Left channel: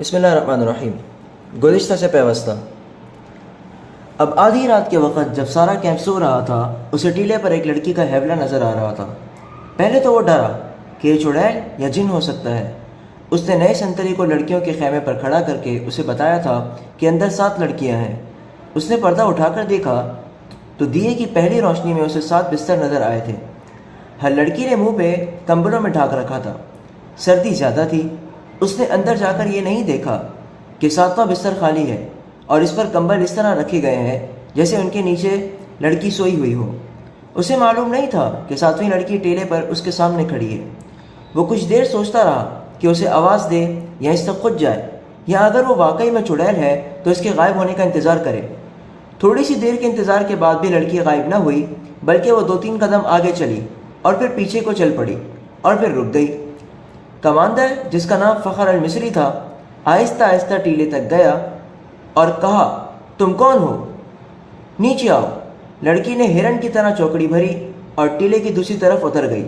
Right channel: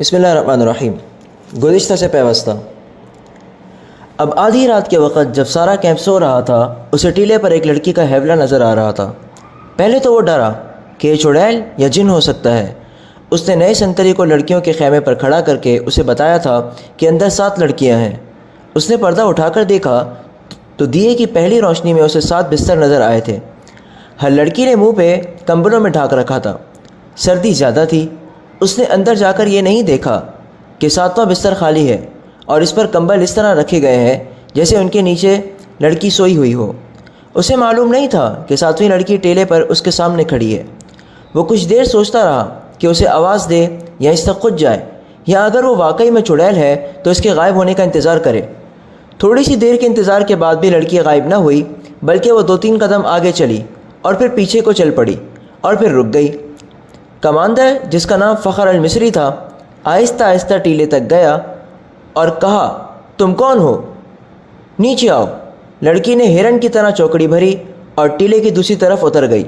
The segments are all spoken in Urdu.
بسم اللہ الرحمن الرحیم۔ گزشتہ سے پیوستہ۔ اب آدھی رات کے وقت جب سارا کیمپ سو رہا تھا، اسے ٹیلے پر ایک لڑکی کا ہیولہ نظر آ رہا تھا۔ پہلے تو وہ ڈرا کہ یہ چڑیل یا جن ہو سکتا ہے۔ اس نے نئے سنتری کو لڑکیوں کے خیمے پر کھڑا کر کے اسے بتایا تھا کہ اندر 7 لڑکیاں ہیں۔ اس نے پردہ اٹھا کر دیکھا تو دیے کی پہلی روشنی میں اسے 7 بستر نظر آئے تھے۔ ہر لڑکی نے منہ پہ کمبلوں میں ڈھانک رکھا تھا۔ سردی زیادہ تھی۔ اس نے اندر جا کر یہ نہیں دیکھا کہ 7واں بستر خالی ہے اور اس پر کمبل اس طرح رکھے گئے ہیں جیسے ان کے نیچے لڑکی سوئی ہوئی ہو۔ اسے معلوم نہیں تھا کہ 7ویں لڑکی ٹیلے پر اس کے سامنے کھڑی ہے۔ وہ کچھ دیر سوچتا رہا کہ اسے آواز دے یا اس تک خود جائے، یا اگر وہ واقعی میں چڑیل ہے تو اس کے غائب ہونے کا انتظار کرے۔ تھوڑی سی دیر کے انتظار کے بعد بھی لڑکی غائب نہ ہوئی، بلکہ وہ 2-3 قدم آگے چلی اور پھر پیچھے کو چل پڑی اور پھر رک گئی۔ کمانڈر، جس کا نام فخر المصری تھا، آہستہ آہستہ ٹیلے تک گیا اور کہا، تم کون ہو؟ نیچے آؤ۔ لڑکی نے ہرن کی طرح چوکڑی بھری اور ٹیلے کی دوسری طرف اتر گئی۔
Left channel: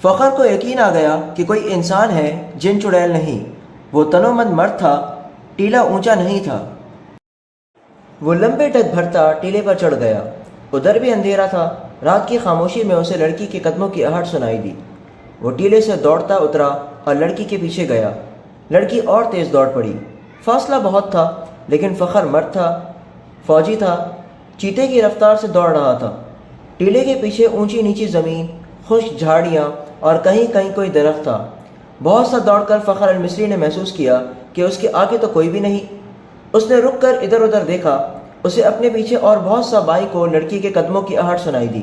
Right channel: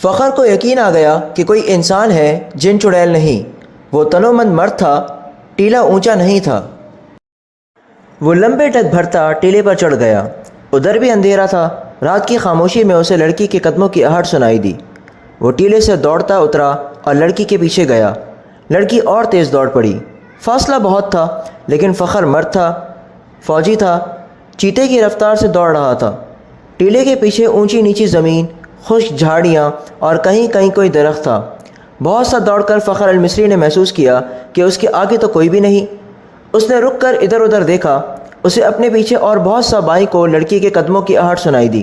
فخر کو یقین آ گیا کہ کوئی انسان ہے، جن چڑیل نہیں۔ وہ تنومند مرد تھا۔ ٹیلا اونچا نہیں تھا۔ وہ لمبے ڈگ بھرتا ٹیلے پر چڑھ گیا۔ ادھر بھی اندھیرا تھا۔ رات کی خاموشی میں اسے لڑکی کے قدموں کی آہٹ سنائی دی۔ وہ ٹیلے سے دوڑتا اترا اور لڑکی کے پیچھے گیا۔ لڑکی اور تیز دوڑ پڑی۔ فاصلہ بہت تھا، لیکن فخر مرد تھا، فوجی تھا، چیتے کی رفتار سے دوڑ رہا تھا۔ ٹیلے کے پیچھے اونچی نیچی زمین، خشک جھاڑیاں اور کہیں کہیں کوئی درخت تھا۔ بہت سا دوڑ کر فخر المصری نے محسوس کیا کہ اس کے آگے تو کوئی بھی نہیں۔ اس نے رک کر ادھر ادھر دیکھا۔ اسے اپنے پیچھے اور بہت سا بائیں کو لڑکی کے قدموں کی آہٹ سنائی دی،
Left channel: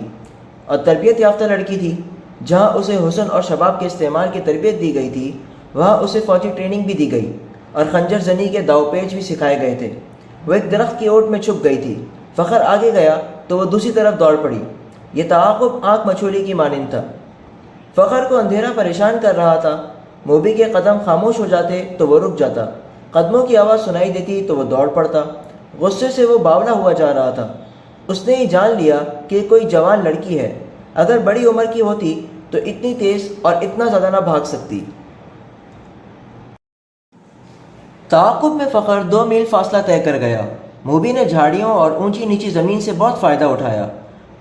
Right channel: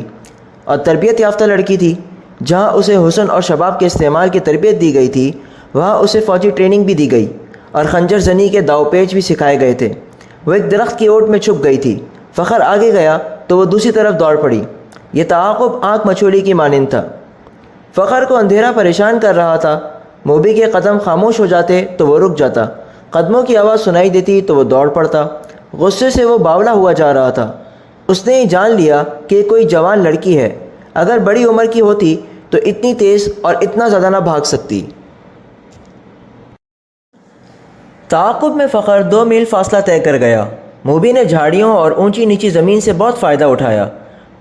اور تربیت یافتہ لڑکی تھی۔ جہاں اسے حسن اور شباب کے استعمال کی تربیت دی گئی تھی، وہاں اسے فوجی ٹریننگ بھی دی گئی اور خنجر زنی کے داؤ پیچ بھی سکھائے گئے تھے۔ وہ ایک درخت کی اوٹ میں چھپ گئی تھی۔ فخر آگے گیا تو وہ دوسری طرف دوڑ پڑی۔ یہ تعاقب آنکھ مچھولی کی مانند تھا۔ فخر کو اندھیرا پریشان کر رہا تھا۔ موبی کے قدم خاموش ہو جاتے تو وہ رک جاتا، قدموں کی آواز سنائی دیتی تو وہ دوڑ پڑتا۔ غصے سے وہ باولا ہوا جا رہا تھا۔ اس نے یہ جان لیا کہ کوئی جوان لڑکی ہے۔ اگر بڑی عمر کی ہوتی تو اتنی تیز اور اتنا زیادہ نہ بھاگ سکتی۔ تعاقب میں فخر 2 میل فاصلہ طے کر گیا۔ موبی نے جھاڑیوں اور اونچی نیچی زمین سے بہت فائدہ اٹھایا۔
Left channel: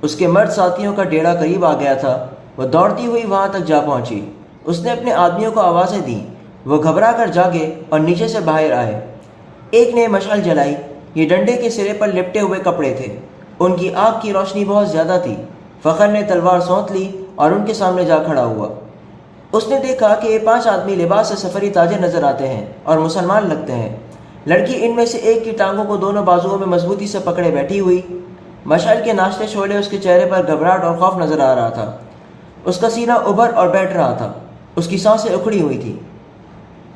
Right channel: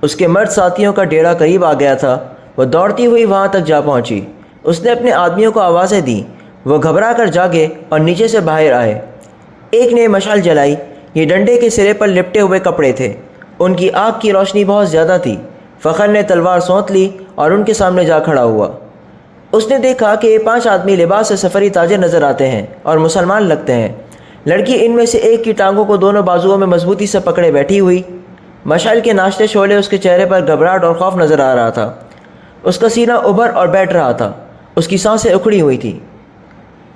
اس کے مرد ساتھیوں کا ڈیرا قریب آ گیا تھا۔ وہ دوڑتی ہوئی وہاں تک جا پہنچی۔ اس نے اپنے آدمیوں کو آوازیں دیں۔ وہ گھبرا کر جاگے اور نیچے سے باہر آئے۔ ایک نے مشعل جلائی۔ یہ ڈنڈے کے سرے پر لپٹے ہوئے کپڑے تھے۔ ان کی آنکھ کی روشنی بہت زیادہ تھی۔ فخر نے تلوار سونت لی اور ان کے سامنے جا کھڑا ہوا۔ اس نے دیکھا کہ یہ 5 آدمی لباس سے سفری تاجر نظر آتے ہیں اور مسلمان لگتے ہیں۔ لڑکی ان میں سے ایک کی ٹانگوں کو دونوں بازوؤں میں مضبوطی سے پکڑے بیٹھی ہوئی۔ مشعل کے ناشتے شعلے اس کے چہرے پر گھبراہٹ اور خوف نظر آ رہا تھا۔ اس کا سینہ ابھر اور بیٹھ رہا تھا۔ اس کی سانسیں اکھڑی ہوئی تھی۔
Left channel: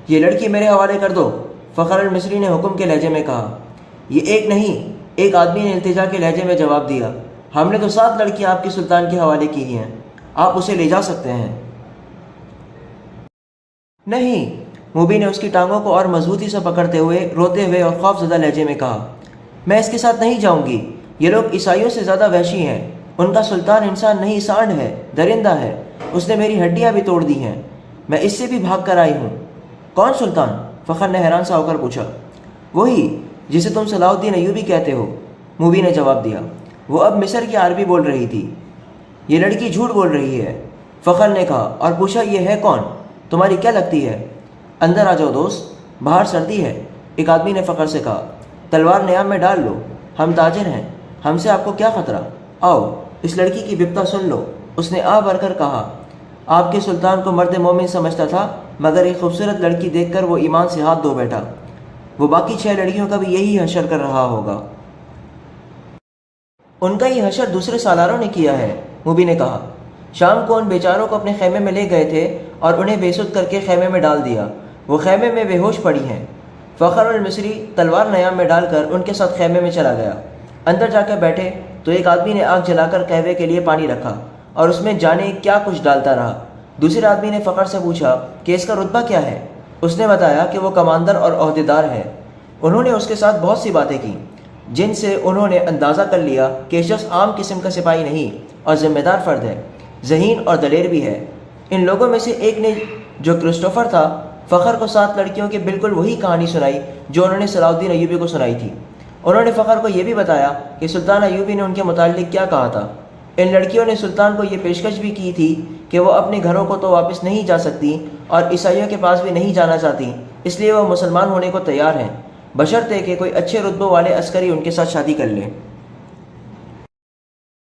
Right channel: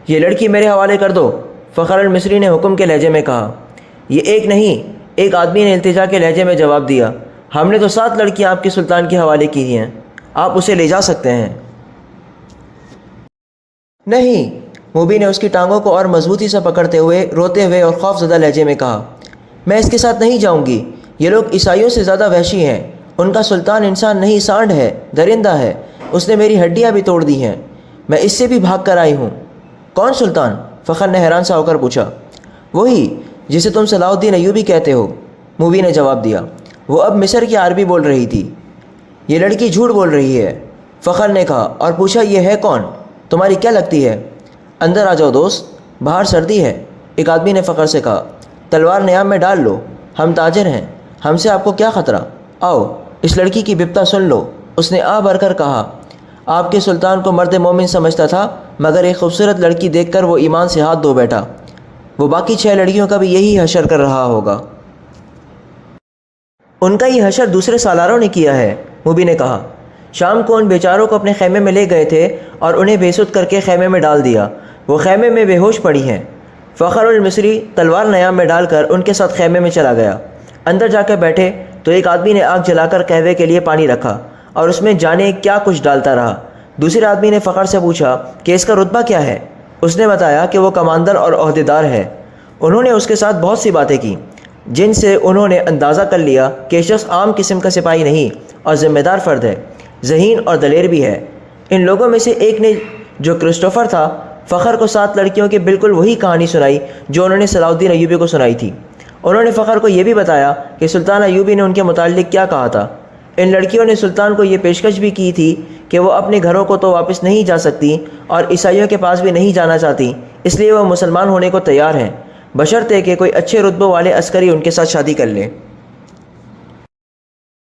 یہ لڑکی میرے حوالے کر دو، فخر المصری نے حکم کے لہجے میں کہا۔ یہ ایک نہیں، ایک آدمی نے التجا کے لہجے میں جواب دیا۔ ہم نے تو 7 لڑکیاں آپ کے سلطان کے حوالے کی ہیں، آپ اسے لے جا سکتے ہیں۔ نہیں، موبی نے اس کی ٹانگوں کو اور مضبوطی سے پکڑتے ہوئے روتے ہوئے اور خوف زدہ لہجے میں کہا، میں اس کے ساتھ نہیں جاؤں گی۔ یہ لوگ عیسائیوں سے زیادہ وحشی ہیں۔ ان کا سلطان انسان نہیں، سانڈ ہے، درندہ ہے۔ اس نے میری ہڈیاں بھی توڑ دی ہیں۔ میں اس سے بھی بھاگ کر آئی ہوں۔ کون سلطان؟ فخر نے حیران سا ہو کر پوچھا۔ وہی جسے تم صلاح الدین ایوبی کہتے ہو، موبی نے جواب دیا۔ وہ اب مصر کی عربی بول رہی تھی۔ یہ لڑکی جھوٹ بول رہی ہے، فخر نے کہا اور پوچھا، یہ ہے کون؟ تمہاری کیا لگتی ہے؟ اندر آ جاؤ دوست، باہر سردی ہے، ایک آدمی نے فخر سے کہا۔ تلوار نیام میں ڈال لو، ہم تاجر ہیں، ہم سے آپ کو کیا خطرہ؟ آؤ، اس لڑکی کی بپتا سن لو۔ اس نے آ بھر کر کہا۔ آپ کے سلطان کو مرد مومن سمجھتا تھا، مگر ایک خوبصورت لڑکی دیکھ کر وہ ایمان سے ہاتھ دھو بیٹھا۔ وہ باقی 6 لڑکیوں کا بھی یہی حشر کر رہا ہوگا۔ ان کا یہ حشر دوسرے سالاروں نے کیا ہے، موبی نے کہا۔ شام کو ان بیچاروں کو اپنے خیمے میں لے گئے تھے اور انہیں بے سود کر کے خیمے میں ڈال دیا۔ وہ خیمے میں بے ہوش پڑی ہیں۔ فخر المصری تلوار نیام میں ڈال کر ان کے ساتھ خیمے میں چلا گیا۔ اندر جا کے بیٹھے تو ایک آدمی نے آگ جلا کر قہوے کے لیے پانی رکھا اور اس میں جانے کیا کچھ ڈالتا رہا۔ دوسرے آدمی نے فخر سے پوچھا کہ اس کا رتبہ کیا ہے؟ اس نے بتایا کہ وہ کماندر اور عہدیدار ہے۔ انہوں نے اس کے ساتھ بہت سی باتیں کی، جن سے انہوں نے اندازہ کر لیا کہ یہ شخص عام قسم کا سپاہی نہیں اور ذمہ دار فرد ہے، ذہین اور دلیر بھی ہے۔ ان لوگوں میں سے ایک نے، جو کرسٹوفر تھا، فخر کو 7 لڑکیوں کی بالکل وہی کہانی سنائی جو انہوں نے صلاح الدین ایوبی کو سنائی تھی۔ انہوں نے فخر کو یہ بھی بتایا کہ سلطان ایوبی نے ان کے متعلق کیا کہا تھا۔ ان لڑکیوں نے سلطان کو یہ پیشکش بھی کی تھی کہ وہ اپنے گھروں کو تو واپس نہیں جا سکتی اور عیسائیوں کے پاس بھی نہیں جانا چاہتی، اس لیے وہ مسلمان ہونے کو تیار ہیں، بشرطے کہ کوئی اچھے رتبوں والے عسکری ان کے ساتھ شادی کر لے۔